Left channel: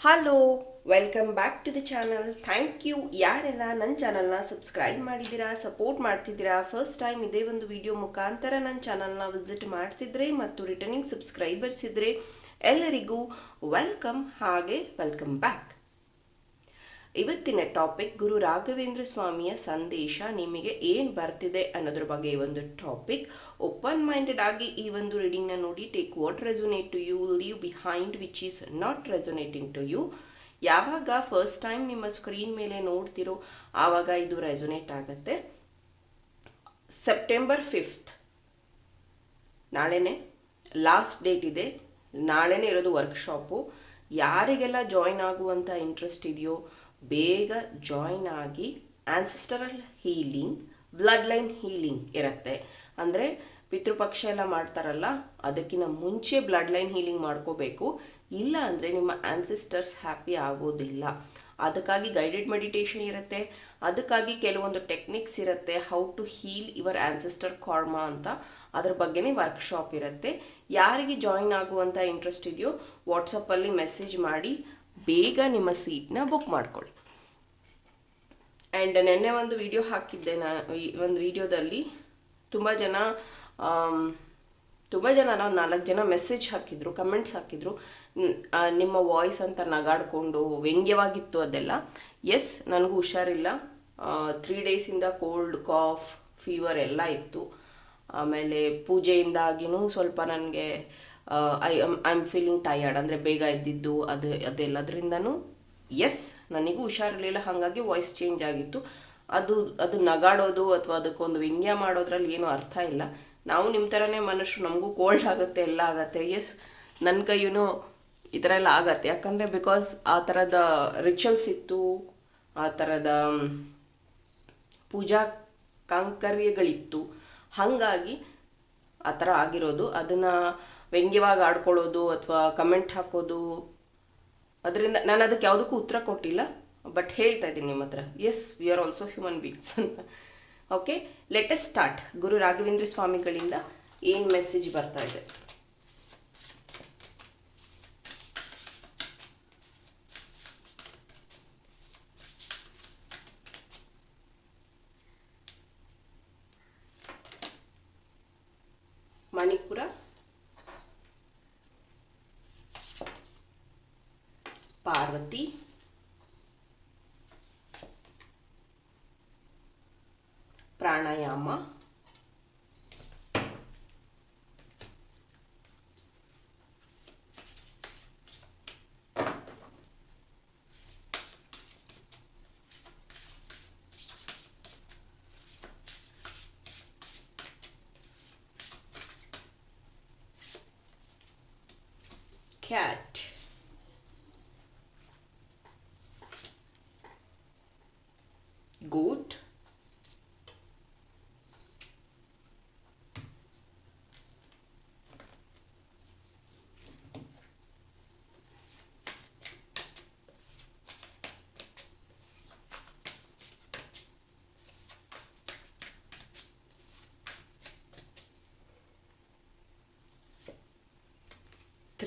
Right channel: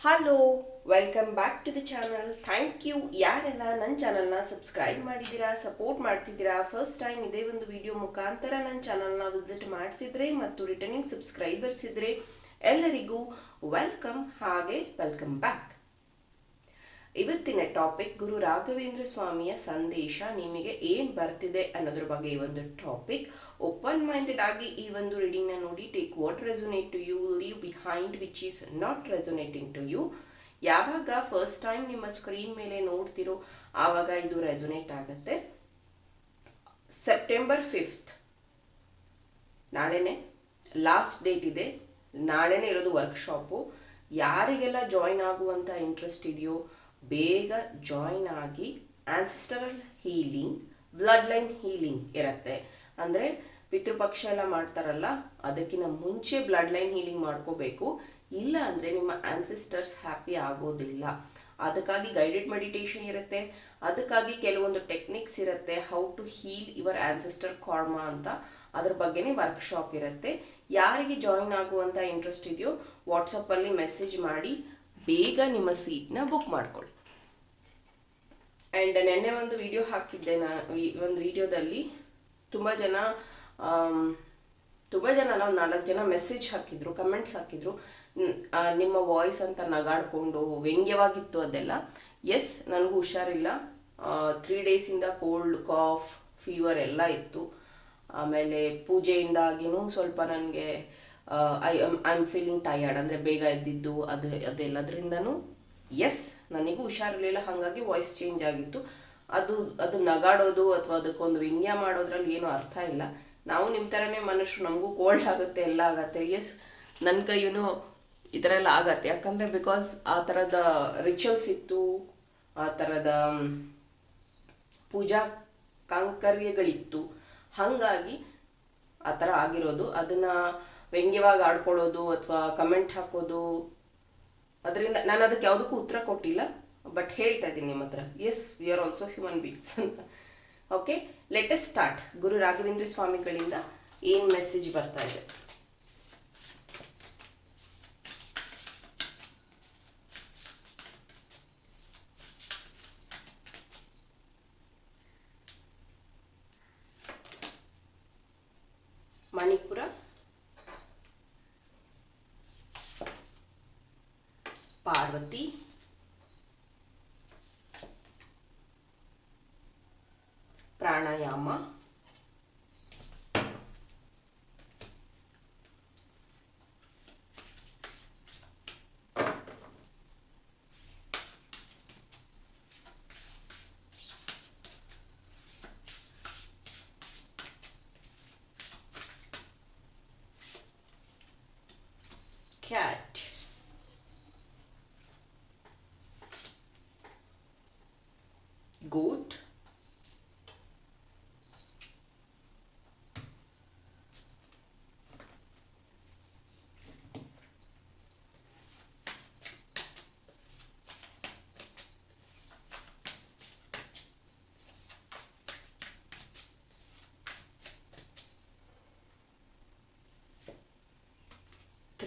Hello welcome back to the channel thank you ಯಾರೆಲ್ಲ ನನ್ನ ಚಾನಲ್ನ ಸಬ್ಸ್ಕ್ರೈಬ್ ಮಾಡಿದ್ದೀರಾ ಸಪೋರ್ಟ್ ಮಾಡ್ತಿದ್ದೀರಾ ಫಸ್ಟ್ ಟೈಮ್ ಇದೇ ಒಂದು ವಿಡಿಯೋ ಮುಖಾಂತರ ನನ್ನ ಚಾನಲ್ನ ವಿಸಿಟ್ ಮಾಡ್ತಿದ್ರೆ ಮತ್ತು ರಿಟರ್ನಿಂಗ್ ಸಬ್ಸ್ಕ್ರೈಬರ್ಸ್ ಇದ್ದರೆ ಎಲ್ಲರಿಗೂ ವೆಲ್ಕಮ್ ಹಾಗೆ ವೆಲ್ಕಮ್ ಬ್ಯಾಕ್ ಇವತ್ತಿನ ಟಾಪಿಕ್ ಗುರು ರಾಘವೇಂದ್ರ ಸ್ವಾಮಿಯ ಸಂದೇಶ ನಿಮಗೆ ಏನು ಬರ್ತಿದೆ ಅನ್ನೋದ್ರ ಬಗ್ಗೆ ಈ ಒಂದು ಟಾಪಿಕ್. ಓಪನ್ ಮೈಂಡೆಡ್ ಆಗಿ ಈ ಒಂದು ರೀಡಿಂಗ್ನ ನೋಡಿ take what resonate to you leave behind which is not resonating to you ಯಾವಾಗ ಫಸ್ಟ್ ಟೈಮ್ ನಿಮ್ಮ ಸ್ಕ್ರೀನ್ ಮೇಲೆ ನೋಡ್ತಿರೋ, ಆವಾಗ ಇದು ರೆಸೊನೇಟ್ ಆಗುತ್ತೆ. ಸೆಪ್ಟೆಂಬರ್ ಫಿಫ್ತ್ ನಾಳೆನೇ ಲಾಸ್ಟ್ ಡೇಟ್ ಇದೆ. ನಾಳೆನೇ ಇರೋದು ವರ್ಕ್ಶಾಪು ಯಾರಿಗೆಲ್ಲ ಜಾಯ್ನ್ ಆಗುವಂಥ ಇಂಟ್ರೆಸ್ಟ್ ಇದೆಯೋ ಬೇಗ ಜಾಯಿನ್ ಆಗಿ ancestral healing blood line healing ಇರುತ್ತೆ. ಅಂದರೆ ಪಿತೃಪಕ್ಷ ಎಲ್ಲ ಮಾಡ್ತಾರಲ್ಲ ಅದಕ್ಕಿಂತ ಮುಂಚೆ ಬ್ಲಡ್ ಲೈನ್ ಹೀಲಿಂಗ್ ಮಾಡ್ಕೋಬೇಕು. ಇಲ್ಲ ಅಂದರೆ ನಿಮ್ಮ ಆನ್ಸಿಸ್ಟರ್ಸ್ ಹ್ಯಾಪಿ ಆಗೋದಿಲ್ಲ. ಅದಕ್ಕಾಗಿ ಗೈಡೆಡ್ ಮೆಡಿಟೇಷನ್ ಇರುತ್ತೆ. ಅದಕ್ಕಾಗಿ ಕೆಲವೊಂದು ಟೆಕ್ನಿಕ್ಸ್ ಇರುತ್ತೆ. How to heal your ancestor karma ಅಂತ. ಅದ್ರ ಬಗ್ಗೆನೇ ವರ್ಕ್ಶಾಪ್ ಇರುತ್ತೆ. ಯಾರಿಗೆ ಜಾಯಿನ್ ಆಗುವಂಥ ಇಂಟ್ರೆಸ್ಟ್ ಇದೆಯೋ ವಾಟ್ಸಪ್ಪಲ್ಲಿ ಮೆಸೇಜ್ ಮಾಡಿ ಬೇಗ ನಿಮ್ಮ ಸೀಟ್ನ ಬುಕ್ ಮಾಡ್ಕೊಳ್ಳಿ. ಆ್ಯಂಡ್ ನೆನ್ನೆ ಒಂದು ವಿಡಿಯೋ ಹಾಕಿದ್ದೆ ನಾ ಒಂದು ವಿಡಿಯೋದಲ್ಲಿ ತುಂಬ ಜನ ತುಂಬ ಜನ ನಾವು ನಾಲ್ಕು ಜನ ಮೆಸೇಜ್ ಹಾಕಿದ್ರು ಕಮೆಂಟ್ಸ್ ಹಾಕಿದ್ರು. ನಿಮ್ಮ ವಾಯ್ಸ್ ಅಂತ ನಗಾಡ್ಕೊಂಡು ವ್ಯಂಗ್ಯವಾಗಿತ್ತು ಅದೆಲ್ಲ. ಎಸ್ ನನಗೂ ಹುಷಾರಿಲ್ಲ. ತ್ರೀ ಡೇಸಿಂದ ಕೋಲ್ಡ್ ಕಾಫ್ ಫೀವರ್ ಎಲ್ಲ ಇತ್ತು. ಆಮೇಲೆ ಪೂಜೆಯಿಂದಾಗಿನೂ ಸ್ವಲ್ಪ ನನಗೆ I am I am feeling tired ಅಂದರೆ ಬೇಗ ಎದ್ದಿದ್ದು, ಅದು, ಅದೆಲ್ಲದ್ರಿಂದನೂ ಎಸ್ ನನಗೂ ಹುಷಾರಿರಲಿಲ್ಲ. ಹಾಗಾಗಿ ವಾಯ್ಸ್ ಚೇಂಜ್ ಆಗಿತ್ತು. ಅದು ಅದು ನಗಾಡೋದು ಅಥವಾ ಅದಕ್ಕೊಂದು ವ್ಯಂಗ್ಯ ಮಾಡೋದ್ರಲ್ಲಿ ಏನೂ ಅರ್ಥ ಇಲ್ಲ. ನಾವು ನಿಮ್ಮ ಥರನೇ ಮನುಷ್ಯರು, ನಮಗೂ ಕೋಲ್ಡ್ ಆಗುತ್ತೆ, ಎಲ್ಲ ಆಗುತ್ತೆ. ಎಸ್ ನನ್ನ ಕೈಯೂ ಈ ಥರ ಎಲ್ಲ ಆಗತ್ತೆ. ಯಾಕಂದರೆ ಬಿಕಾಸ್ ಆ ಥರದ ರಿಚುವಲ್ಸ್ ಇತ್ತು, ಆ ಥರದ ಪೂಜಾ ಕಾಂಕರ್ಯಗಳಿತ್ತು. ಹಾಗಾಗಿ ಆ ಥರ ಆಗಿರೋದು. ಅದನ್ನು ವ್ಯಂಗ್ಯವಾಗಿ ಆಡ್ಕೊಳ್ಳೋದು ಅಥವಾ ಕಮೆಂಟ್ ಹಾಕೋದು. ಅದರಿಂದ ನಾನು ಅದಕ್ಕೆ ಯಾವುದಕ್ಕೂ ಉತ್ತರ ಕೊಟ್ಟಿಲ್ಲ ಬಟ್ ಹೇಳ್ತಾ ಇದ್ದೀನಿ ನಿಮ್ಮ ಹತ್ರ. Yes we are also human beings ಅಂತ. Okay let's start Guru Raghavendra ಸ್ವಾಮಿಗಳಿಂದ ಏನು ಮೆಸೇಜ್ ಬರ್ತಾ ಇದೆ Manipura Parvati pranayama cat.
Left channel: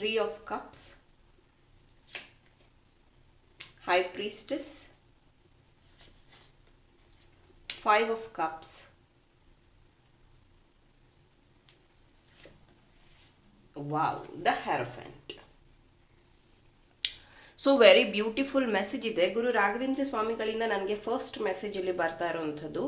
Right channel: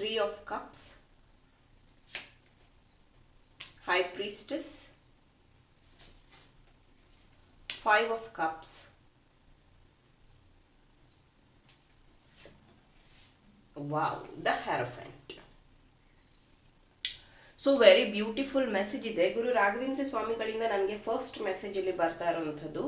Three of cups high priestess five of cups wow the hierophant so very beautiful message ಇದೆ ಗುರು ರಾಘವೇಂದ್ರ ಸ್ವಾಮಿಗಳಿಂದ ನನಗೆ first ಮೆಸೇಜಲ್ಲಿ ಬರ್ತಾ ಇರೋವಂಥದ್ದು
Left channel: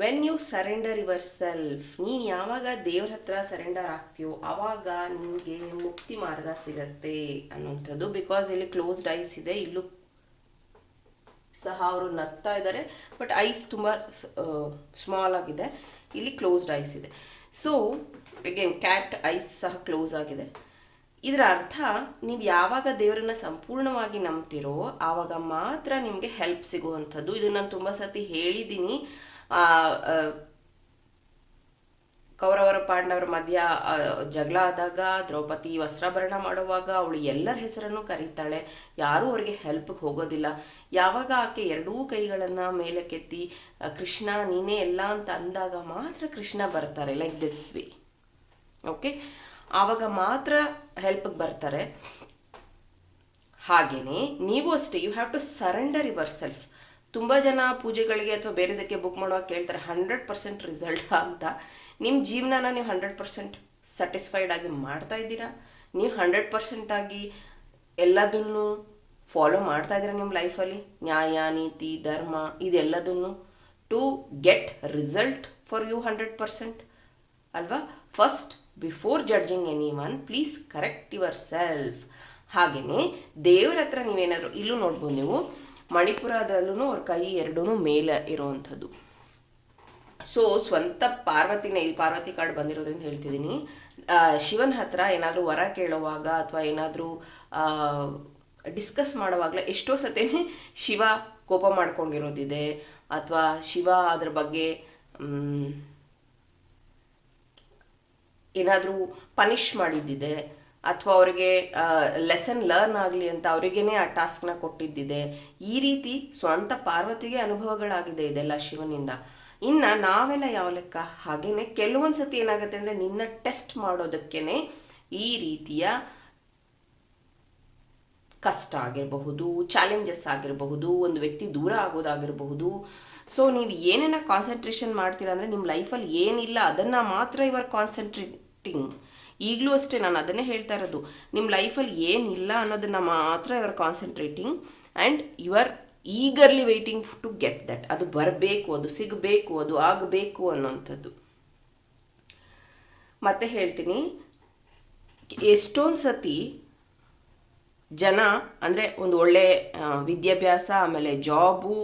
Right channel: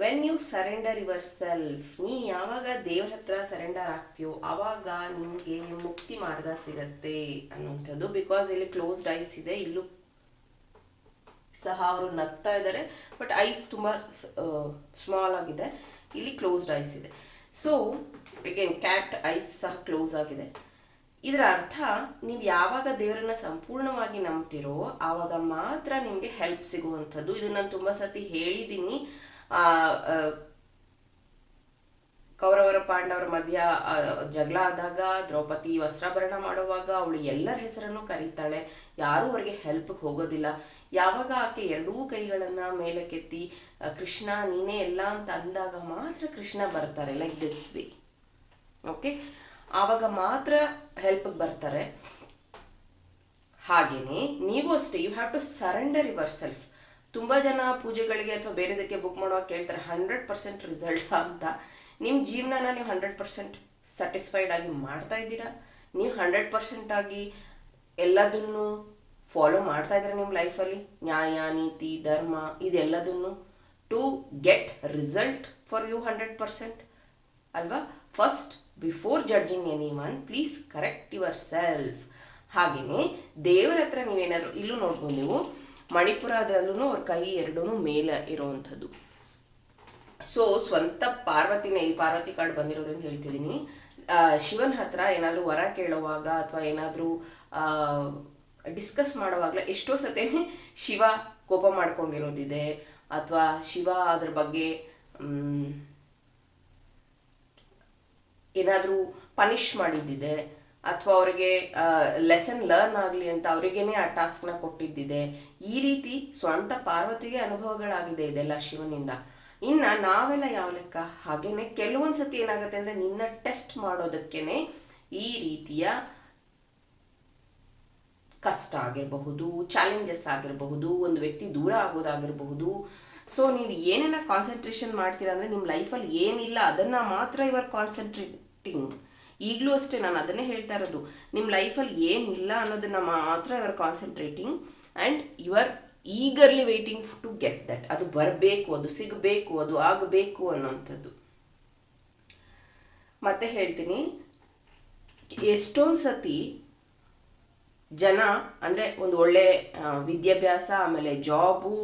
when you surrender yourself ನೀನು ಯಾವಾಗ ದೇವ್ರ ಹತ್ರ ಸರೆಂಡರ್ ಆಗ್ತೀಯೋ ಆವಾಗ ನಿಮಗೆ ಮುಕ್ತಿ ಮಾರ್ಗ ಸಿಗತ್ತೆ ಅನ್ನುವಂಥದ್ದು. ಬಿಕಾಸ್ ಇಲ್ಲಿ ಕ್ಲೋಸ್ಡ್ ಐಸ್ ಇದೆ, ಇಲ್ಲೂ ಸಹ ಅವರು ನಗ್ತಾ ಇದ್ದಾರೆ ಬಟ್ ಐಸ್ ತುಂಬ ಸ್ಮಾಲ್ ಆಗಿದೆ. ಇಲ್ಲಿ ಕ್ಲೋಸ್ಡ್ ಐಸ್ ಇದೆ. ಸೊ ಅಗೇನ್ ಕ್ಯಾಟ್ ಐಸ್ ಸಹ ಕ್ಲೋಸ್ ಆಗಿದೆ. ಇದರ ಅರ್ಥ, ನೀವು ಯಾವಾಗ ದೇವರನ್ನ ಸಂಪೂರ್ಣವಾಗಿ ನಂಬ್ತಿರೋ ಆವಾಗ ಮಾತ್ರ ನಿಮಗೆ ಹೆಲ್ಪ್ ಸಿಗುವಂಥದ್ದು. ಇದನ್ನು ನಾನು ತುಂಬ ಸತಿ ಹೇಳಿದ್ದೀನಿ ಕೌರವರ ಪಾಂಡವರ ಮಧ್ಯ ಜಗಳ ಆದಾಗ ದ್ರೌಪದಿ ವಸ್ತ್ರಾಭರಣ ಮಾಡುವಾಗ ಅವಳು ಎಲ್ಲರ ಹೆಸರನ್ನು ಕರೀತಾಳೆ. ಯಾರೂ ಅವರಿಗೆ ಹೆಲ್ಪ್ಗೆ ಹೋಗೋದಿಲ್ಲ. ಯಾವಾಗ ಆಕೆ ಎರಡೂ ಕೈಗಳನ್ನು ಮೇಲಕ್ಕೆತ್ತಿ ಆ, ಕೃಷ್ಣ ನೀನೇ ಎಲ್ಲ ಅಂತ ಅಂದಾಗ ಮಾತ್ರ ಕೃಷ್ಣ ಬರ್ತಾರೆ ಲೈಕ್ ದಿಸ್ ವೇ ಓಕೆ ಆವಾಗ ಮಾತ್ರ ಹೆಲ್ಪ್ಗೆ ಬರ್ತಾರೆ. ಹಾಗೆಯೇ ನೀವು ಅಷ್ಟೇ you have to surrender yourself ತುಂಬ ಜನ ಪೂಜೆಗಳಿಗೆ ಅಥವಾ ಬೇರೆದಕ್ಕೆ ಬುಕ್ ಮಾಡುವಾಗ ಕೇಳ್ತಾರೆ ಹಂಡ್ರೆಡ್ ಪರ್ಸೆಂಟ್ ರಿಸಲ್ಟ್ ಅಂತ. ನಿಮ್ಮ ಜೀವನನ ನೀವು ಹಂಡ್ರೆಡ್ ಪರ್ಸೆಂಟ್ ಸ್ಯಾಟಿಸ್ಫೈಡ್ ಆಗಿ ಮಾಡ್ತಾ ಇದ್ದೀರಾ? ನೀವು ಹಂಡ್ರೆಡ್ ಪರ್ಸೆಂಟ್ ಆಗಿ ಎಲ್ಲದನ್ನು ಫಾಲೋ ಮಾಡ್ತಾ ಇದ್ದೀರಾ ನಿಮ್ಮ ಲೈಫಲ್ಲಿ ನ್ಯಾಯ, ನೀತಿ, ಧರ್ಮ, ಇದೆಲ್ಲದನ್ನು to get result for you hundred percent ಅಲ್ವಾ? First before judging anyone please correct yourself ಹಾಗೆಯೇ ದೇವರ ಹತ್ರ ನೀವೇನಾದರೂ, ಇಲ್ಲೂ ನೋಡ್ಬೋದು ನೀವು ಮಣಿಪುರದಲ್ಲೂ ಅವ್ರ ಕೈ ಎರಡೂ ಮೇಲೆ ಇರುವಂಥದ್ದು. ಸೊ ಸ್ವಂತ ಪಾರ್ವತಿನ ಇಲ್ಲಿ ಪಾರ್ವತಿ ಕಾರ್ಡ್ ಅಂತ ಹೇಳ್ತಿದ್ದೀನಿ. ಶಿವನ್ ಹತ್ರ ಏನಾದರೂ ವರ ಕೇಳುವಾಗ ಅಥವಾ ಏನಾದರೂ ಡಿಸ್ಕಸ್ ಮಾಡುವಾಗಲೇ ಎಷ್ಟೋ ಸತೇನೆ ಶಿವ ಕೋಪ ಮಾಡ್ಕೊಂಡಿರೋದಿದೆ. ಅಥವಾ ಶಿವ ಅದ್ರ ಬಗ್ಗೆ ಏನಾದರೂ ಪನಿಷ್ ಮಾಡಿದ್ದಿದೆ. ಅಥವಾ ಅವರಿಗೆ ಲೆಸನ್ ಲರ್ನ್ ಆಗಲಿ ಅಂತ ಅವರಿಗೇನೆ ಆ ಟಾಸ್ಕ್ನ ಕೊಟ್ಟಿದ್ದಿದೆ. ಈ ರೀತಿ ಸ್ವಂತ ಪಾರ್ವತಿಗೆ ಅನುಭವಗಳಾಗಿದೆ ಇದೆಲ್ಲ ಶಿವನಿಂದ. ಇನ್ನು ನಾವೆಲ್ಲ ಯಾವ ಲೆಕ್ಕ? ಹಾಗೇನೆ ಕೆಲವೊಂದು ಸತಿ ಏನಾಗುತ್ತೆ ಅಂದರೆ ನಿನ್ನ ಟೆಸ್ಟ್ ಮಾಡೋದಕ್ಕೇನೆ ಈ ರೀತಿಯ ಕಷ್ಟ ಆಗಿರಬಹುದು ಚಾಲೆಂಜಸ್ ಆಗಿರಬಹುದು, ಒಂದು ವ್ಯಕ್ತಿ ದೂರ ಆಗೋದಾಗಿರಬಹುದು. ಸೊ ನೀವು ಏನೇನ ಕಾನ್ಸಂಟ್ರೇಷನ್ ಮಾಡ್ತೀರಾ ಅಂದರೆ ನಿಮ್ಮ ಲೈಫಲ್ಲಿ ಏನಿಲ್ಲ, ಅದನ್ನು ಮಾತ್ರ ಇವರ್ ಕಾನ್ಸಂಟ್ರೇಟಿಂಗ್ ಈಗಲೂ ಅಷ್ಟೇ ನಾನು ಅದನ್ನೇ ಹೇಳ್ತಾ ಇರೋದು. ನಿಮ್ಮ ಲೈಫಲ್ಲಿ ಏನಿಲ್ಲ ಅನ್ನೋದನ್ನು ಮಾತ್ರ ಇವರ್ concentrating and you are eagerly waiting to get that ಅದು ಬರಬೇಕು, ಅದು ಸಿಗಬೇಕು, ಅದು ಆಗಬೇಕು ಅನ್ನೋಂಥದ್ದು. ಮತ್ತೆ ಹೇಳ್ತೀನಿ, ಎಷ್ಟೊಂದು ಸತಿ ಜನ ಅಂದರೆ ಒಂದು ಒಳ್ಳೆ ವಿದ್ಯಾಭ್ಯಾಸ, ಆಮೇಲೆ ಜಾಬು,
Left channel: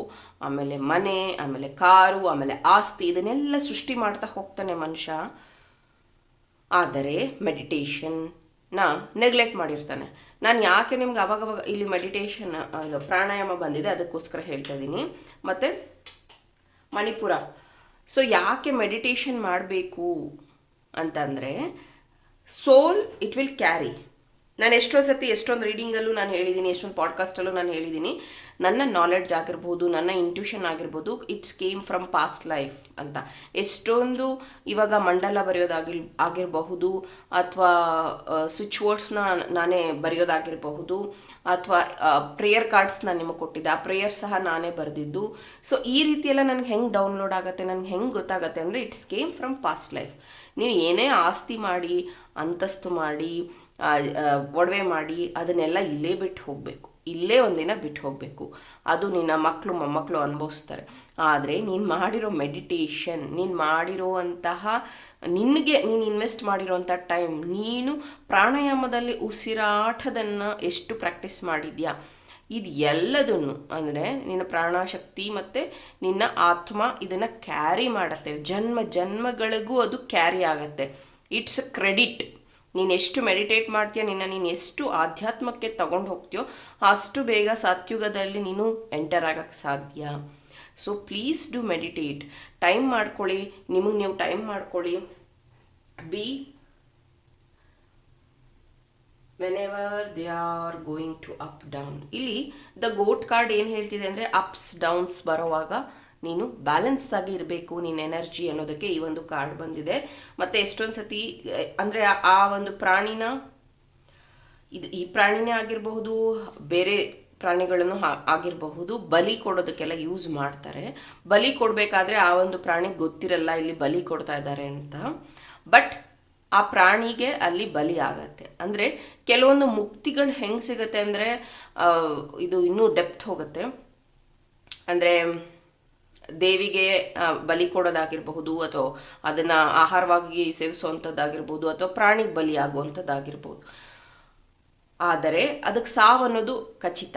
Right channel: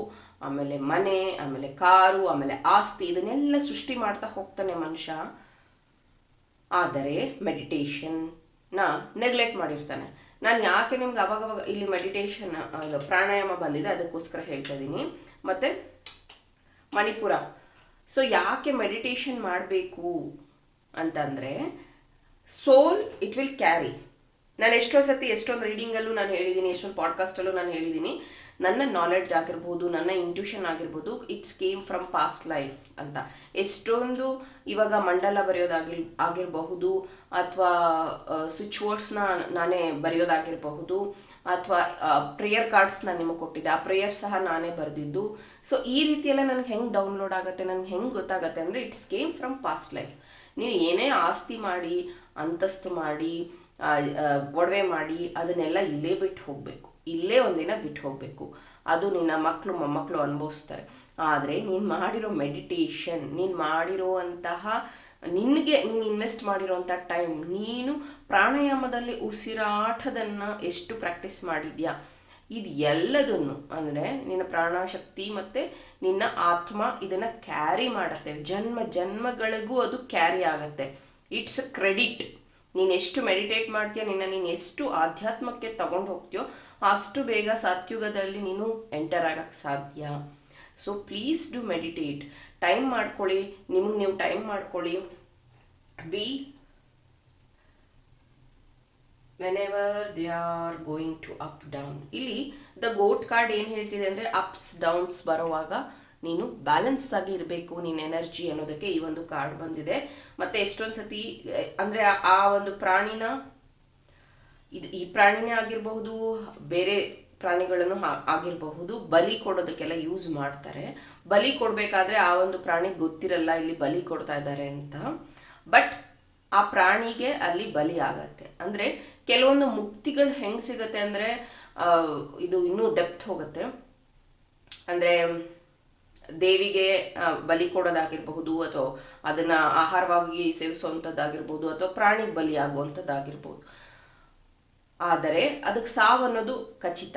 ಆಮೇಲೆ ಮನೆ, ಆಮೇಲೆ ಕಾರು, ಆಮೇಲೆ ಆಸ್ತಿ, ಇದನ್ನೆಲ್ಲ ಸೃಷ್ಟಿ ಮಾಡ್ತಾ ಹೋಗ್ತಾನೆ ಮನುಷ್ಯ. ಆದರೆ ಮೆಡಿಟೇಷನ್ನ ನೆಗ್ಲೆಕ್ಟ್ ಮಾಡಿರ್ತಾನೆ. ನಾನು ಯಾಕೆ ನಿಮ್ಗೆ ಅವಾಗವಾಗ ಇಲ್ಲಿ ಮೆಡಿಟೇಷನ್ ಅದು ಪ್ರಾಣಾಯಾಮ ಬಂದಿದೆ, ಅದಕ್ಕೋಸ್ಕರ ಹೇಳ್ತಾ ಇದ್ದೀನಿ ಮತ್ತು ಮಣಿಪುರ. ಸೊ ಯಾಕೆ ಮೆಡಿಟೇಷನ್ ಮಾಡಬೇಕು ಅಂತಂದರೆ ಸೋಲ್ ಇಟ್ ವಿಲ್ ಕ್ಯಾರಿ ನಾನು ಎಷ್ಟೊಂದು ಸತಿ ಎಷ್ಟೊಂದು ರೀಡಿಂಗಲ್ಲೂ ನಾನು ಹೇಳಿದ್ದೀನಿ ಎಷ್ಟೊಂದು ಪಾಡ್ಕಾಸ್ಟಲ್ಲೂ ನಾನು ಹೇಳಿದ್ದೀನಿ ನನ್ನ ನಾಲೆಡ್ಜ್ ಆಗಿರ್ಬೋದು, ನನ್ನ ಇಂಟ್ಯೂಷನ್ ಆಗಿರ್ಬೋದು it's came from past life ಅಂತ. ಎಷ್ಟೊಂದು ಇವಾಗ ಮಂಡಲ ಬರೆಯೋದಾಗಿ ಆಗಿರಬಹುದು, ಅಥವಾ ಸ್ವಿಚ್ ವರ್ಡ್ಸ್ನ ನಾನೇ ಬರೆಯೋದಾಗಿರಬಹುದು, ಅಥವಾ ಪ್ರೇಯರ್ ಕಾರ್ಡ್ಸ್ ನಾನು ನಿಮಗೆ ಕೊಟ್ಟಿದ್ದೆ, ಆ ಪ್ರೇಯರ್ ಸಹ ನಾನೇ ಬರೆದಿದ್ದು. ಸೊ ಈ ರೀತಿಯೆಲ್ಲ ನನಗೆ ಹೆಂಗೆ ಡೌನ್ಲೋಡ್ ಆಗುತ್ತೆ, ನನಗೆ ಹೆಂಗೆ ಗೊತ್ತಾಗುತ್ತೆ ಅಂದರೆ it's came from past life ನೀವು ಏನೇ ಆಸ್ತಿ ಮಾಡಿ, ಅಂತಸ್ತು ಮಾಡಿ ಒಡವೆ ಮಾಡಿ, ಅದನ್ನೆಲ್ಲ ಇಲ್ಲೇ ಬಿಟ್ಟು ಹೋಗಬೇಕು. ಇಲ್ಲೇ ಒಂದಿನ ಬಿಟ್ಟು ಹೋಗಬೇಕು. ಅದು ನಿನ್ನ ಮಕ್ಕಳು ಮೊಮ್ಮಕ್ಕಳು ಅನುಭವಿಸ್ತಾರೆ. ಆದರೆ ನೀನು ಮಾಡಿರೋ ಮೆಡಿಟೇಷನ್ ನೀನು ಮಾಡಿರೋವಂತಹ, ನಿನಗೆ ನೀನು ಇನ್ವೆಸ್ಟ್ ಮಾಡಿರೋವಂಥ ಟೈಮ್ ನೀನು ಪ್ರಾಣಾಯಾಮದಲ್ಲಿ ಉಸಿರಾಟದನ್ನು ಎಷ್ಟು ಪ್ರಾಕ್ಟೀಸ್ ಮಾಡಿದ್ಯಾ? ಇದು ಎಲ್ಲದನ್ನು ಅಂದರೆ ನಿನ್ನ ಪ್ರಾಣಶಕ್ತಿ ಮತ್ತು ನಿನ್ನ ಆತ್ಮ ಇದನ್ನು ಕ್ಯಾರಿ ಮಾಡುತ್ತೆ. ಜನ್ಮ ಜನ್ಮಗಳಿಗೂ ಅದು ಕ್ಯಾರಿ ಆಗುತ್ತೆ. ಇಟ್ಸ್ ಕ್ರೆಡಿಟ್ ನೀನು ಎಷ್ಟು ಮೆಡಿಟೇಟ್ ಮಾಡ್ತೀಯ, ನಿನ್ನ ನೀನು ಎಷ್ಟು ಆಧ್ಯಾತ್ಮಕ್ಕೆ ತಗೊಂಡು ಹೋಗ್ತೀಯೋ ಅಷ್ಟು ಬೇಗ ಸತ್ಯುಗದಲ್ಲಿ ನೀನು ಎಂಟರ್ ಆಗೋಕ್ಕೆ ಸಾಧ್ಯ. So please do meditate time ಮಾಡ್ಕೊಳ್ಳಿ. ನಿಮಗೆ ನೀವು ಟೈಮ್ ಮಾಡ್ಕೊಳ್ಳಿ. Be whenever they are going to up down ಇಲ್ಲಿ ದ ಗೋಟ್ ಕಾರ್ಡ್ ಏನು ಹೇಳ್ತಿದೆ ಅಂದರೆ ಅಪ್ಸ್ ಡೌನ್ಸ್ ಬರುವಾಗ ನೀನು ಬ್ಯಾಲೆನ್ಸ್ ಆಗಿ ಇರಬೇಕು. ನಿನ್ನ ಎನರ್ಜಿ ಅನ್ನೋದಕ್ಕೆ ಈ ಒಂದು ಕಾರ್ಡ್ ಬಂದಿದೆ. ಮತ್ತು ಎಷ್ಟೊಂದು ಸತಿ ಅಂದರೆ ಆ ಒಂದು ಪ್ರಾಣಿನ ಇದು ಈ ಪ್ರಾಣಿನೇ ಆಗಿರಬಹುದು, ಬೇರೆ ಪ್ರಾಣಿಗಳನ್ನು ಆಗಿರಬಹುದು, ಬಲಿ ಕೊಡೋದಕ್ಕೆಲ್ಲ ಯೂಸ್ ಮಾಡ್ತಾರೆ. ಬಲಿ ಕೊಡಬೇಕಾದ್ರೆ ಆ ಒಂದು ಪ್ರಾಣಿಗೆ ಗೊತ್ತಿರಲ್ಲ ಇಲ್ಲಿ ಬಲಿ ಕೊಡ್ತಾ ಇದ್ದಾರೆ ಅಂತ. ಬಟ್ ಆ ಪ್ರಾಣಿಗೆ ಅಲ್ಲಿ ಬಲಿ ಆಗತ್ತೆ. ಅಂದರೆ ಕೆಲವೊಂದು ಮುಕ್ತಿಗಳು ಹೆಂಗೆ ಸಿಗುತ್ತೆ ಅಂದರೆ ಇದು ಇನ್ನೂ ಡೆಪ್ತ್ ಹೋಗುತ್ತೆ. ಅಂದರೆ ದೇವಿಗೆ ಬಲಿ ಕೊಡೋದಾಗಿರಬಹುದು ಅಥವಾ ಅದನ್ನು ಆಹಾರವಾಗಿ ಸೇವಿಸುವಂಥದ್ದಾಗಿರ್ಬೋದು ಅಥವಾ ಪ್ರಾಣಿಗೆ ಬಲಿ ಆಗುವಂಥದ್ದಾಗಿರ್ಬೋದು ಆದರೆ ಅದಕ್ಕೆ ಸಾವು ಅನ್ನೋದು ಖಚಿತ.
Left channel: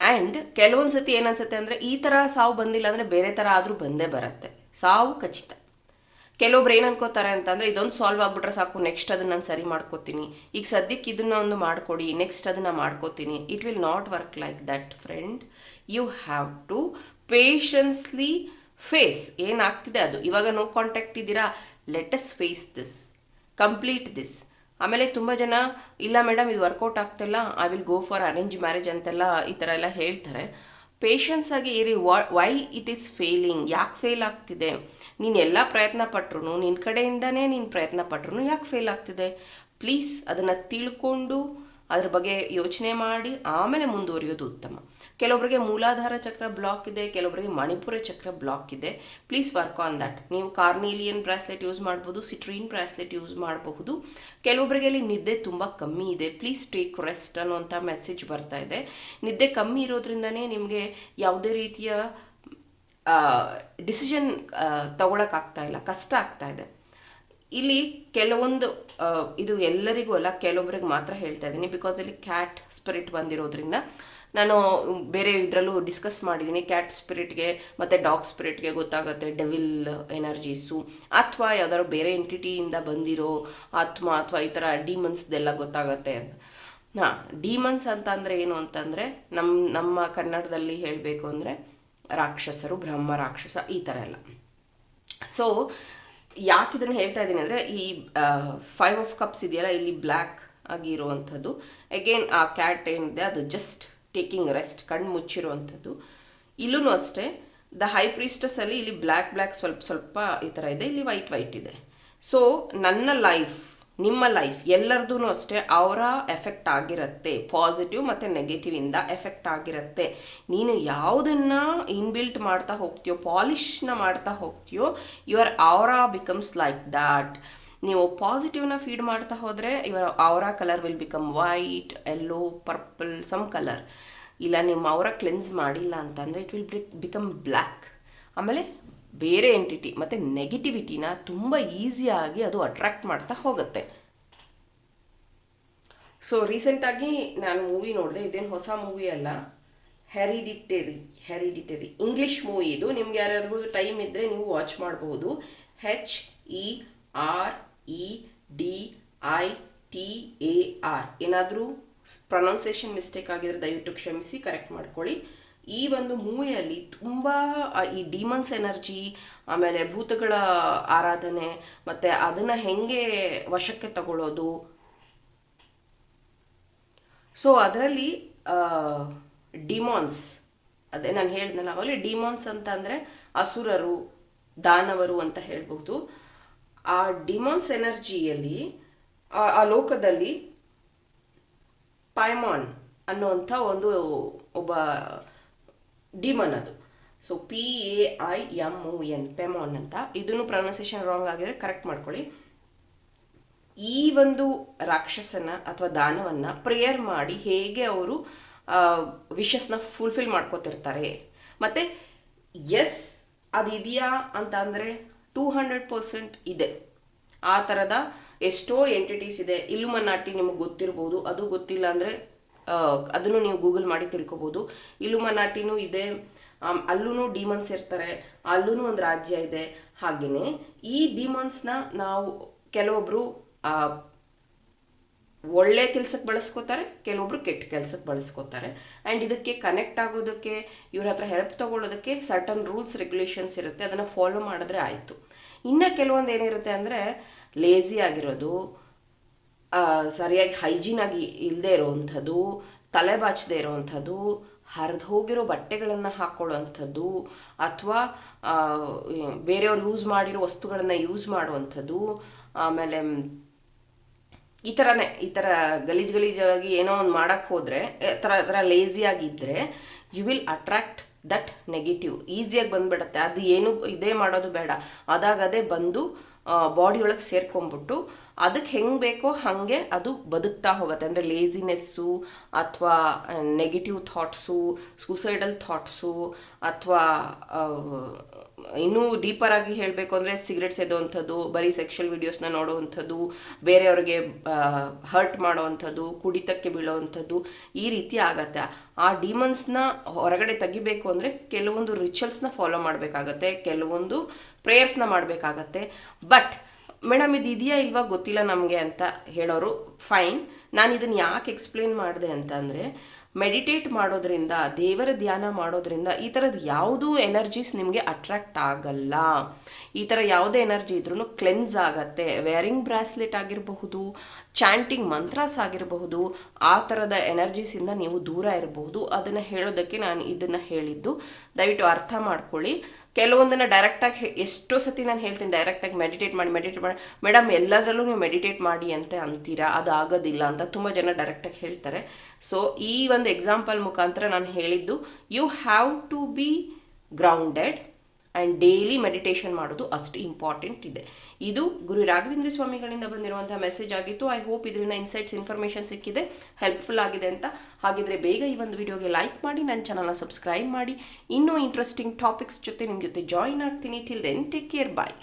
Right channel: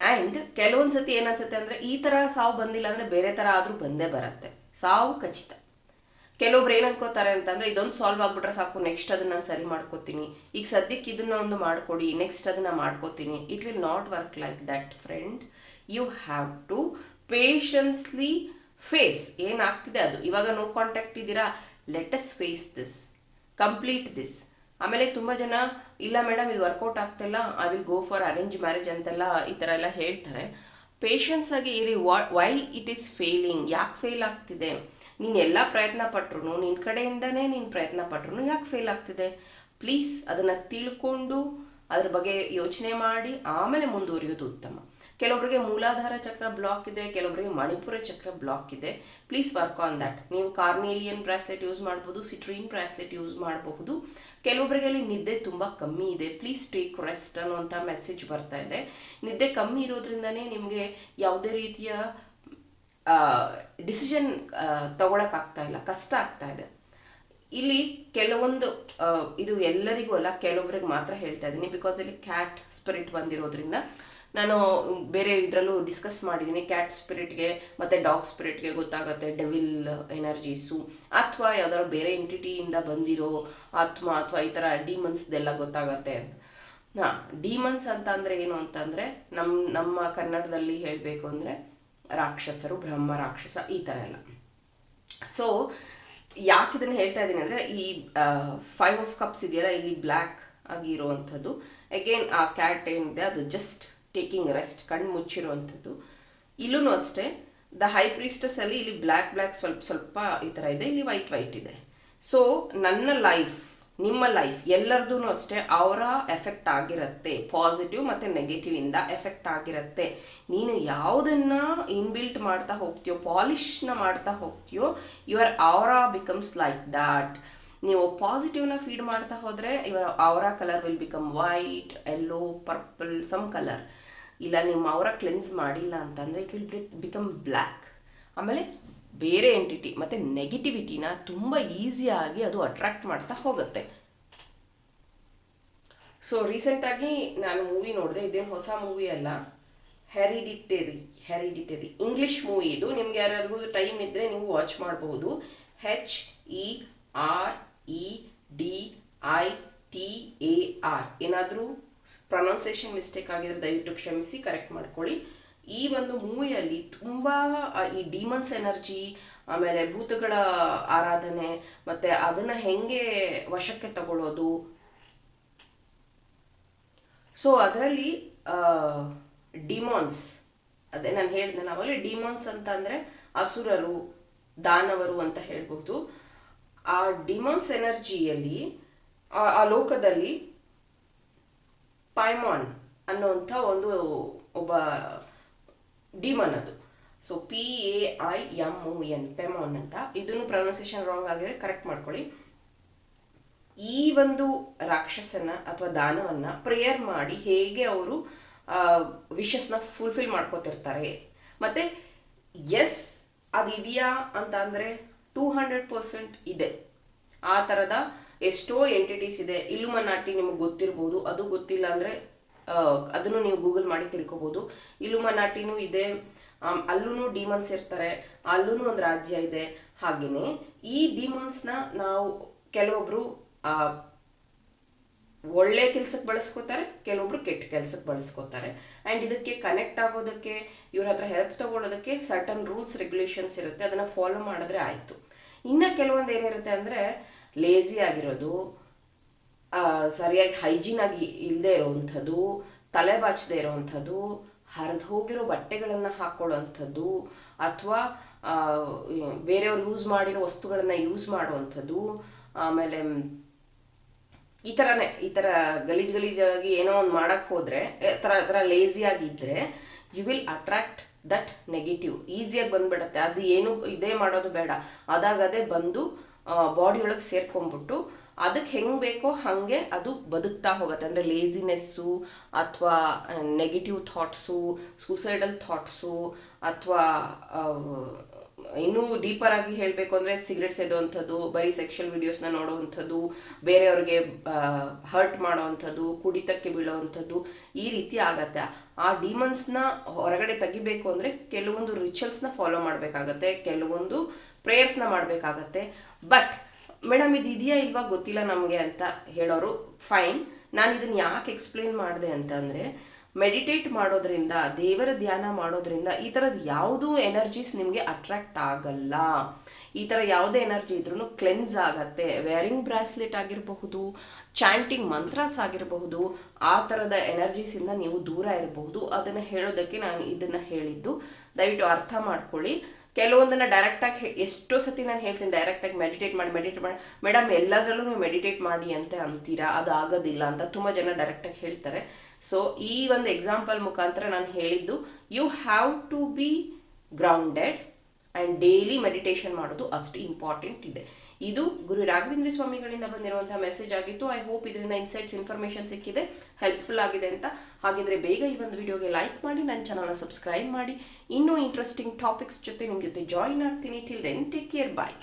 ಆ್ಯಂಡ್ ಕೆಲವೊಂದು ಸತಿ ಏನನ್ಸುತ್ತೆ ಅಂದರೆ ಈ ಥರ ಸಾವು ಬಂದಿಲ್ಲ ಅಂದರೆ ಬೇರೆ ಥರ ಆದರೂ ಬಂದೇ ಬರುತ್ತೆ. ಸಾವು ಖಚಿತ. ಕೆಲವೊಬ್ರು ಏನು ಅನ್ಕೋತಾರೆ ಅಂತಂದರೆ ಇದೊಂದು ಸಾಲ್ವ್ ಆಗ್ಬಿಟ್ರೆ ಸಾಕು ನೆಕ್ಸ್ಟ್ ಅದನ್ನು ನಾನು ಸರಿ ಮಾಡ್ಕೋತೀನಿ. ಈಗ ಸದ್ಯಕ್ಕೆ ಇದನ್ನ ಒಂದು ಮಾಡ್ಕೊಡಿ ನೆಕ್ಸ್ಟ್ ಅದನ್ನು ಮಾಡ್ಕೋತೀನಿ. It will not work like that friend you have to patiently face ಏನಾಗ್ತಿದೆ ಅದು? ಇವಾಗ ನೋ ಕಾಂಟ್ಯಾಕ್ಟ್ ಇದ್ದೀರಾ? Let's face this complete this ಆಮೇಲೆ ತುಂಬ ಜನ, ಇಲ್ಲ ಮೇಡಮ್ ಇದು ವರ್ಕೌಟ್ ಆಗ್ತಿಲ್ಲ I will go for arrange marriage ಅಂತೆಲ್ಲ ಈ ಥರ ಎಲ್ಲ ಹೇಳ್ತಾರೆ. ಪೇಷನ್ಸ್ ಆಗಿ ಇರಿ ವೈ ಇಟ್ ಈಸ್ ಫೇಲಿಂಗ್ ಯಾಕೆ ಫೇಲ್ ಆಗ್ತಿದೆ? ನೀನು ಎಲ್ಲ ಪ್ರಯತ್ನ ಪಟ್ರು ನಿನ್ನ ಕಡೆಯಿಂದನೇ ನೀನು ಪ್ರಯತ್ನ ಪಟ್ರು ಯಾಕೆ ಫೇಲ್ ಆಗ್ತಿದೆ? ಪ್ಲೀಸ್ ಅದನ್ನು ತಿಳ್ಕೊಂಡು ಅದ್ರ ಬಗ್ಗೆ ಯೋಚನೆ ಮಾಡಿ, ಆಮೇಲೆ ಮುಂದುವರಿಯೋದು ಉತ್ತಮ. ಕೆಲವೊಬ್ಬರಿಗೆ ಮೂಲಾಧಾರ ಚಕ್ರ ಬ್ಲಾಕ್ ಇದೆ ಕೆಲವೊಬ್ಬರಿಗೆ ಮಣಿಪುರ ಚಕ್ರ ಬ್ಲಾಕ್ ಇದೆ. ಪ್ಲೀಸ್ ವರ್ಕ್ ಆನ್ ದಟ್ ನೀವು ಕಾರ್ನೇಲಿಯನ್ ಬ್ರಾಸ್ಲೆಟ್ ಯೂಸ್ ಮಾಡ್ಬೋದು ಸಿಟ್ರೀನ್ ಬ್ರಾಸ್ಲೆಟ್ ಯೂಸ್ ಮಾಡಬಹುದು. ಕೆಲವೊಬ್ಬರಿಗೆ ಅಲ್ಲಿ ನಿದ್ದೆ ತುಂಬ ಕಮ್ಮಿ ಇದೆ. ಪ್ಲೀಸ್ ಟೇಕ್ ರೆಸ್ಟ್ ಅನ್ನೋಂಥ ಮೆಸೇಜ್ ಬರ್ತಾ ಇದೆ. ನಿದ್ದೆ ಕಮ್ಮಿ ಇರೋದ್ರಿಂದನೇ ನಿಮಗೆ ಯಾವುದೇ ರೀತಿಯ ಡಿಸಿಷನ್ ತಗೊಳಕ್ಕಾಗ್ತಾ ಇಲ್ಲ, ಕಷ್ಟ ಆಗ್ತಾ ಇದೆ. ಇಲ್ಲಿ ಕೆಲವೊಂದು ಇದು ಎಲ್ಲರಿಗೂ ಅಲ್ಲ ಕೆಲವೊಬ್ಬರಿಗೆ ಮಾತ್ರ ಹೇಳ್ತಾ ಇದ್ದೀನಿ. ಬಿಕಾಸ್ ಇಲ್ಲಿ ಕ್ಯಾಟ್ ಸ್ಪಿರಿಟ್ ಬಂದಿರೋದ್ರಿಂದ ನಾನು ಬೇರೆ ಇದರಲ್ಲೂ ಡಿಸ್ಕಸ್ ಮಾಡಿದ್ದೀನಿ ಕ್ಯಾಟ್ ಸ್ಪಿರಿಟ್ಗೆ ಮತ್ತು ಡಾಗ್ ಸ್ಪಿರಿಟ್ಗೆ ಗೊತ್ತಾಗುತ್ತೆ. ಡೆವಿಲ್ ಎನರ್ಜೀಸು ಅಥವಾ ಯಾವ್ದಾದ್ರು ಬೇರೆ ಎಂಟಿಟಿಯಿಂದ ಬಂದಿರೋ ಆತ್ಮ ಅಥವಾ ಈ ಥರ ಡೀಮನ್ಸ್ದೆಲ್ಲ ಗೊತ್ತಾಗತ್ತೆ ಹಾಂ ಡೀಮನ್ಸ್ ಅಂತ ಅಂದರೆ ಏನು ಅಂತಂದರೆ ನಮ್ಮ ನಮ್ಮ ಕನ್ನಡದಲ್ಲಿ ಹೇಳಬೇಕು ಅಂದರೆ ರಾಕ್ಷಸರು, ಬ್ರಹ್ಮ ರಾಕ್ಷಸ ಈ ಥರ ಎಲ್ಲ. ಸೊ ಯಾಕೆ ಇದನ್ನು ಹೇಳ್ತಾ ಇದ್ದೀನಿ ಅಂದರೆ ಈ ಫೈವ್ ಆಫ್ ಕಪ್ಸ್ ಇದೆಯಲ್ಲ, ಇಲ್ಲಿ ಬ್ಲ್ಯಾಕ್ ಆಗಿ ಇರುವಂಥದ್ದು ಅಗೇನ್ ಆ ಕ್ಯಾಟ್ ಏನಿದೆ, ಅದು ಜಸ್ಟ್ ಟೇಕಿಂಗ್ ರೆಸ್ಟ್ ಕಣ್ಣು ಮುಚ್ಚಿರುವಂಥದ್ದು. ಇಲ್ಲೂ ಅಷ್ಟೇ ದ ಹೈ ಪ್ರೀಸ್ಟಸ್ ಅಲ್ಲಿ ಇಲ್ಲಿ ಬ್ಲ್ಯಾಕ್ ಬ್ಲ್ಯಾಕ್ ಸ್ವಲ್ಪ ಸ್ವಲ್ಪ ಈ ಥರ ಇದೆ, ಇಲ್ಲಿ ವೈಟ್ ವೈಟ್ ಇದೆ. ಸೊ ನನ್ನ ಲೈಫ್ ನಿಮ್ಮ ಲೈಫ್ ಎಲ್ಲರದೂ ಅಷ್ಟೇ ಅವರ ಎಫೆಕ್ಟ್ ಆಗಿರುತ್ತೆ. ಪಾಸಿಟಿವ್ ಮತ್ತು ನೆಗೆಟಿವ್ ಇಂದ ಎಫೆಕ್ಟ್ ಆಗಿರುತ್ತೆ. ನೀನು ಯಾವುದನ್ನು ಇನ್ಬಿಲ್ಟ್ ಮಾಡ್ತಾ ಹೋಗ್ತೀಯೋ ಪಾಲಿಶ್ನ ಮಾಡ್ತಾ ಹೋಗ್ತೀಯೋ ಯುವರ್ ಅವರ ಬಿಕಮ್ಸ್ ಲೈಕ್ ದಾಟ್ ನೀವು ಪಾಸಿಟಿವ್ನ ಫೀಡ್ ಮಾಡ್ತಾ ಹೋದರೆ ಇವರ ಅವರ colour will become white yellow purple some colour ಇಲ್ಲ, ನಿಮ್ಮ ಅವರ ಕ್ಲೆನ್ಸ್ ಮಾಡಿಲ್ಲ ಅಂತಂದರೆ ಇಟ್ ವಿಲ್ ಬಿಕಮ್ ಬ್ಲ್ಯಾಕ್ ಆಮೇಲೆ ಬೇರೆ ಎಂಟಿಟಿ ಮತ್ತು ನೆಗೆಟಿವಿಟಿನ ತುಂಬ ಈಸಿಯಾಗಿ ಅದು ಅಟ್ರಾಕ್ಟ್ ಮಾಡ್ತಾ ಹೋಗುತ್ತೆ. ಸೊ ರೀಸೆಂಟಾಗಿ ನಾನು ಮೂವಿ ನೋಡಿದೆ, ಇದೇನು ಹೊಸ ಮೂವಿ ಅಲ್ಲ. ಹೆರಿಡಿಟರಿ ಹೆರಿಡಿಟರಿ ಇಂಗ್ಲಿಷ್ ಮೂವಿ ಇದು. ನಿಮ್ಗೆ ಯಾರಾದ್ರೂ ಟೈಮ್ ಇದ್ದರೆ ನೀವು ವಾಚ್ ಮಾಡಬಹುದು H E R E D I T A R ಏನಾದರೂ ಪ್ರೊನೌನ್ಸಿಯೇಷನ್ ಮಿಸ್ಟೇಕ್ ಆಗಿದ್ರೆ ದಯವಿಟ್ಟು ಕ್ಷಮಿಸಿ ಕರೆಕ್ಟ್ ಮಾಡ್ಕೊಳ್ಳಿ. ಈ ಒಂದು ಮೂವಿಯಲ್ಲಿ ತುಂಬ ಈ ಡೀಮನ್ಸ್ ಎನರ್ಜಿ ಆಮೇಲೆ ಭೂತಗಳ ಆರಾಧನೆ, ಮತ್ತೆ ಅದನ್ನು ಹೆಂಗೆ ವಶಕ್ಕೆ ತಗೊಳ್ಳೋದು. ಸೊ ಅದರಲ್ಲಿ ಡಿಮಾನ್ಸ್ ಅದೇ ನಾನು ಹೇಳಿದ್ನಲ್ಲ ನಾವಲ್ಲಿ ಡಿಮಾನ್ಸ್ ಅಂತ ಅಂದರೆ ಅಸುರರು, ದಾನವರು ಅಂತ ಹೇಳ್ಬೋದು ಆ ಡಿಮಾನ್ಸ್ ಎನರ್ಜಿಯಲ್ಲಿ ಆ ಲೋಕದಲ್ಲಿ ಪೈಮಾನ್ ಅನ್ನುವಂಥ ಒಂದು ಒಬ್ಬ ಡಿಮನ್ ಅದು. So P A I M O N Paimon ಅಂತ. ಇದನ್ನು ಪ್ರೊನೌನ್ಸಿಯೇಷನ್ ರಾಂಗ್ ಆಗಿದ್ರೆ ಕರೆಕ್ಟ್ ಮಾಡ್ಕೊಳ್ಳಿ. ಈ ಒಂದು ರಾಕ್ಷಸನ ಅಥವಾ ದಾನವನ್ನ ಪ್ರೇಯರ್ ಮಾಡಿ ಹೇಗೆ ಅವರು ವಿಶಸ್ನ ಫುಲ್ಫಿಲ್ ಮಾಡ್ಕೋತಿರ್ತಾರೆ. ಮತ್ತೆ ಎಸ್ ಅದಿದೆಯಾ ಅಂತ ಅಂದರೆ ಟೂ ಹಂಡ್ರೆಡ್ ಪರ್ಸೆಂಟ್ ಇದೆ. ಆ ಥರದ ಎಷ್ಟೋ ಎಂಟಿಟೀಸ್ ಇದೆ. ಇಲುಮನಾಟಿ ನಿಮಗೆ ಗೊತ್ತಿರ್ಬೋದು. ಅದು ಗೊತ್ತಿಲ್ಲ ಅಂದರೆ ಅದನ್ನು ನೀವು ಗೂಗಲ್ ಮಾಡಿ ತಿಳ್ಕೊಬೋದು. ಇಲುಮನಾಟಿನೂ ಇದೆ. ಅಲ್ಲೂ ಡಿಮನ್ಸ್ ಇರ್ತಾರೆ. ಅಲ್ಲೂ ಒಂದು ರಾಜ್ಯ ಇದೆ. ಹಾಗೆಯೇ ಈ ಡಿಮನ್ಸ್ನ ನಾವು ಕೆಲವೊಬ್ರು ಒಳ್ಳೆ ಕೆಲ್ಸಕ್ಕೆ ಬಳಸ್ಕೋತಾರೆ, ಕೆಲವೊಬ್ರು ಕೆಟ್ಟ ಕೆಲ್ಸಕ್ಕೆ ಬಳಸ್ಕೋತಾರೆ. ಆ್ಯಂಡ್ ಇದಕ್ಕೆ ಕನೆಕ್ಟ್ ಆಗೋದಕ್ಕೆ, ಇವ್ರ ಹತ್ರ ಹೆಲ್ಪ್ ತಗೊಳ್ಳೋದಕ್ಕೆ ಸರ್ಟನ್ ರೂಲ್ಸ್ ರೆಗ್ಯುಲೇಷನ್ಸ್ ಇರುತ್ತೆ. ಅದನ್ನು ಫಾಲೋ ಮಾಡಿದ್ರೆ ಆಯಿತು. ಇನ್ನು ಕೆಲವೊಂದು ಏನಿರುತ್ತೆ ಅಂದರೆ ಲೇಝಿ ಆಗಿರೋದು ಸರಿಯಾಗಿ ಹೈಜೀನ್ ಆಗಿ ಇಲ್ಲದೆ ಇರೋವಂಥದ್ದು, ತಲೆ ಬಾಚದೆ ಇರೋವಂಥದ್ದು, ಹರಿದು ಹೋಗಿರೋ ಬಟ್ಟೆಗಳನ್ನು ಹಾಕ್ಕೊಳ್ಳೋವಂಥದ್ದು ಅಥವಾ ಬೇರೆಯವ್ರು ಯೂಸ್ ಮಾಡಿರೋ ವಸ್ತುಗಳನ್ನು ಯೂಸ್ ಮಾಡುವಂಥದ್ದು, ಆಮೇಲೆ, ಈ ಥರನೇ ಈ ಥರ ಗಲೀಜು ಗಲೀಜಾಗಿ ಏನೋ ಒಂದು ಮಾಡೋಕ್ಕೆ ಹೋದರೆ ಥರ ಥರ ಲೇಸಿಯಾಗಿದ್ದರೆ you will attract that negative ಈಸಿಯಾಗಿ ಬಂದುಬಿಡತ್ತೆ. ಅದು ಏನು, ಇದೇ ಮಾಡೋದು ಬೇಡ. ಅದಾಗದೇ ಬಂದು ಬಾಡಿ ಒಳಗೆ ಸೇರ್ಕೊಂಡ್ಬಿಟ್ಟು ಅದಕ್ಕೆ ಹೆಂಗೆ ಬೇಕೋ ಹಾಗೆ ಅದು ಬದುಕ್ತಾ ಹೋಗುತ್ತೆ. ಅಂದರೆ ಲೇಸಿನೆಸ್ಸು ಅಥವಾ ನೆಗೆಟಿವ್ ಥಾಟ್ಸು ಸೂಸೈಡಲ್ ಥಾಟ್ಸು ಅಥವಾ ಇನ್ನೂ ಡೀಪರ್ ಆಗಿ ಹೇಳಬೇಕು ಅಂದರೆ ಸಿಗರೆಟ್ ಸೇದೋವಂಥದ್ದು ಬರೀ ಸೆಕ್ಷುವಲ್ ವೀಡಿಯೋಸ್ನ ನೋಡೋವಂಥದ್ದು ಬೇರೆಯವ್ರಿಗೆ ಹರ್ಟ್ ಮಾಡೋವಂಥದ್ದು ಕುಡಿತಕ್ಕೆ ಬೀಳೋವಂಥದ್ದು ಈ ರೀತಿ ಆಗತ್ತೆ. ಆ ಡಿಮನ್ಸ್ನ ಹೊರಗಡೆ ತೆಗಿಬೇಕು ಅಂದರೆ ಕೆಲವೊಂದು ರಿಚುವಲ್ಸ್ನ ಫಾಲೋ ಮಾಡಬೇಕಾಗತ್ತೆ, ಕೆಲವೊಂದು ಪ್ರೇಯರ್ಸ್ನ ಮಾಡಬೇಕಾಗತ್ತೆ. ಬಟ್ ಮೇಡಮ್ ಇದು ಇದೆಯಾ ಇಲ್ವಾ ಗೊತ್ತಿಲ್ಲ ನಮಗೆ ಅಂತ ಹೇಳೋರು ಫೈನ್ ನಾನು ಇದನ್ನು ಯಾಕೆ ಎಕ್ಸ್ಪ್ಲೇನ್ ಮಾಡಿದೆ ಅಂತಂದರೆ ಮೆಡಿಟೇಟ್ ಮಾಡೋದ್ರಿಂದ, ದೇವರ ಧ್ಯಾನ ಮಾಡೋದ್ರಿಂದ ಈ ಥರದ ಯಾವುದೂ ಎನರ್ಜೀಸ್ ನಿಮಗೆ ಅಟ್ರಾಕ್ಟ್ ಆಗಲ್ಲ. ಈ ಥರ ಯಾವುದೇ ಎನರ್ಜಿ ಇದ್ರೂ ಕ್ಲೆನ್ಸ್ ಆಗತ್ತೆ. ವೇರಿಂಗ್ ಬ್ರಾಸ್ಲೆಟ್ ಆಗಿರಬಹುದು, ಚಾಂಟಿಂಗ್ ಮಂತ್ರಾಸ್ ಆಗಿರಬಹುದು, ಆ ಥರದ ಎನರ್ಜೀಸಿಂದ ನೀವು ದೂರ ಇರಬಹುದು. ಅದನ್ನು ಹೇಳೋದಕ್ಕೆ ನಾನು ಇದನ್ನು ಹೇಳಿದ್ದು, ದಯವಿಟ್ಟು ಅರ್ಥ ಮಾಡ್ಕೊಳ್ಳಿ. ಕೆಲವೊಂದನ್ನು ಡೈರೆಕ್ಟಾಗಿ ಎಷ್ಟೋ ಸತಿ ನಾನು ಹೇಳ್ತೀನಿ ಡೈರೆಕ್ಟಾಗಿ ಮೆಡಿಟೇಟ್ ಮಾಡಿ ಮೆಡಿಟೇಟ್ ಮಾಡಿ. ಮೇಡಮ್ ಎಲ್ಲದರಲ್ಲೂ ನೀವು ಮೆಡಿಟೇಟ್ ಮಾಡಿ ಅಂತ ಅಂತೀರಾ? ಅದು ಆಗೋದಿಲ್ಲ ಅಂತ ತುಂಬ ಜನ ಡೈರೆಕ್ಟಾಗಿ ಹೇಳ್ತಾರೆ. ಸೊ ಈ ಒಂದು ಎಕ್ಸಾಂಪಲ್ ಮುಖಾಂತರ ನಾನು ಹೇಳಿದ್ದು you have to be grounded and daily meditation ಮಾಡೋದು ಅಷ್ಟು ಇಂಪಾರ್ಟೆಂಟ್ ಇದೆ. ಇದು ಗುರು ರಾಘವೇಂದ್ರ ಸ್ವಾಮಿಗಳಿಂದ ಬಂದಿರುವಂತಹ ಮೆಸೇಜ್ ಆಗಿತ್ತು. ಐ ಹೋಪ್ ಇದರಿಂದ ಇನ್ಸೈಟ್ಸ್ ಇನ್ಫಾರ್ಮೇಷನ್ ಸಿಕ್ಕಿದೆ. ಹೆಲ್ಪ್ಫುಲ್ ಆಗಿದೆ ಅಂತ. ಹಾಗಿದ್ರೆ ಬೇಗ ಈ ಒಂದು ವಿಡಿಯೋಗೆ ಲೈಕ್ ಮಾಡಿ ನನ್ನ ಚಾನಲ್ನ ಸಬ್ಸ್ಕ್ರೈಬ್ ಮಾಡಿ. ಇನ್ನೂ ಇಂಟ್ರೆಸ್ಟಿಂಗ್ ಟಾಪಿಕ್ಸ್ ಜೊತೆ ನಿಮ್ಮ ಜೊತೆ ಜಾಯಿನ್ ಆಗ್ತೀನಿ. Till then take care bye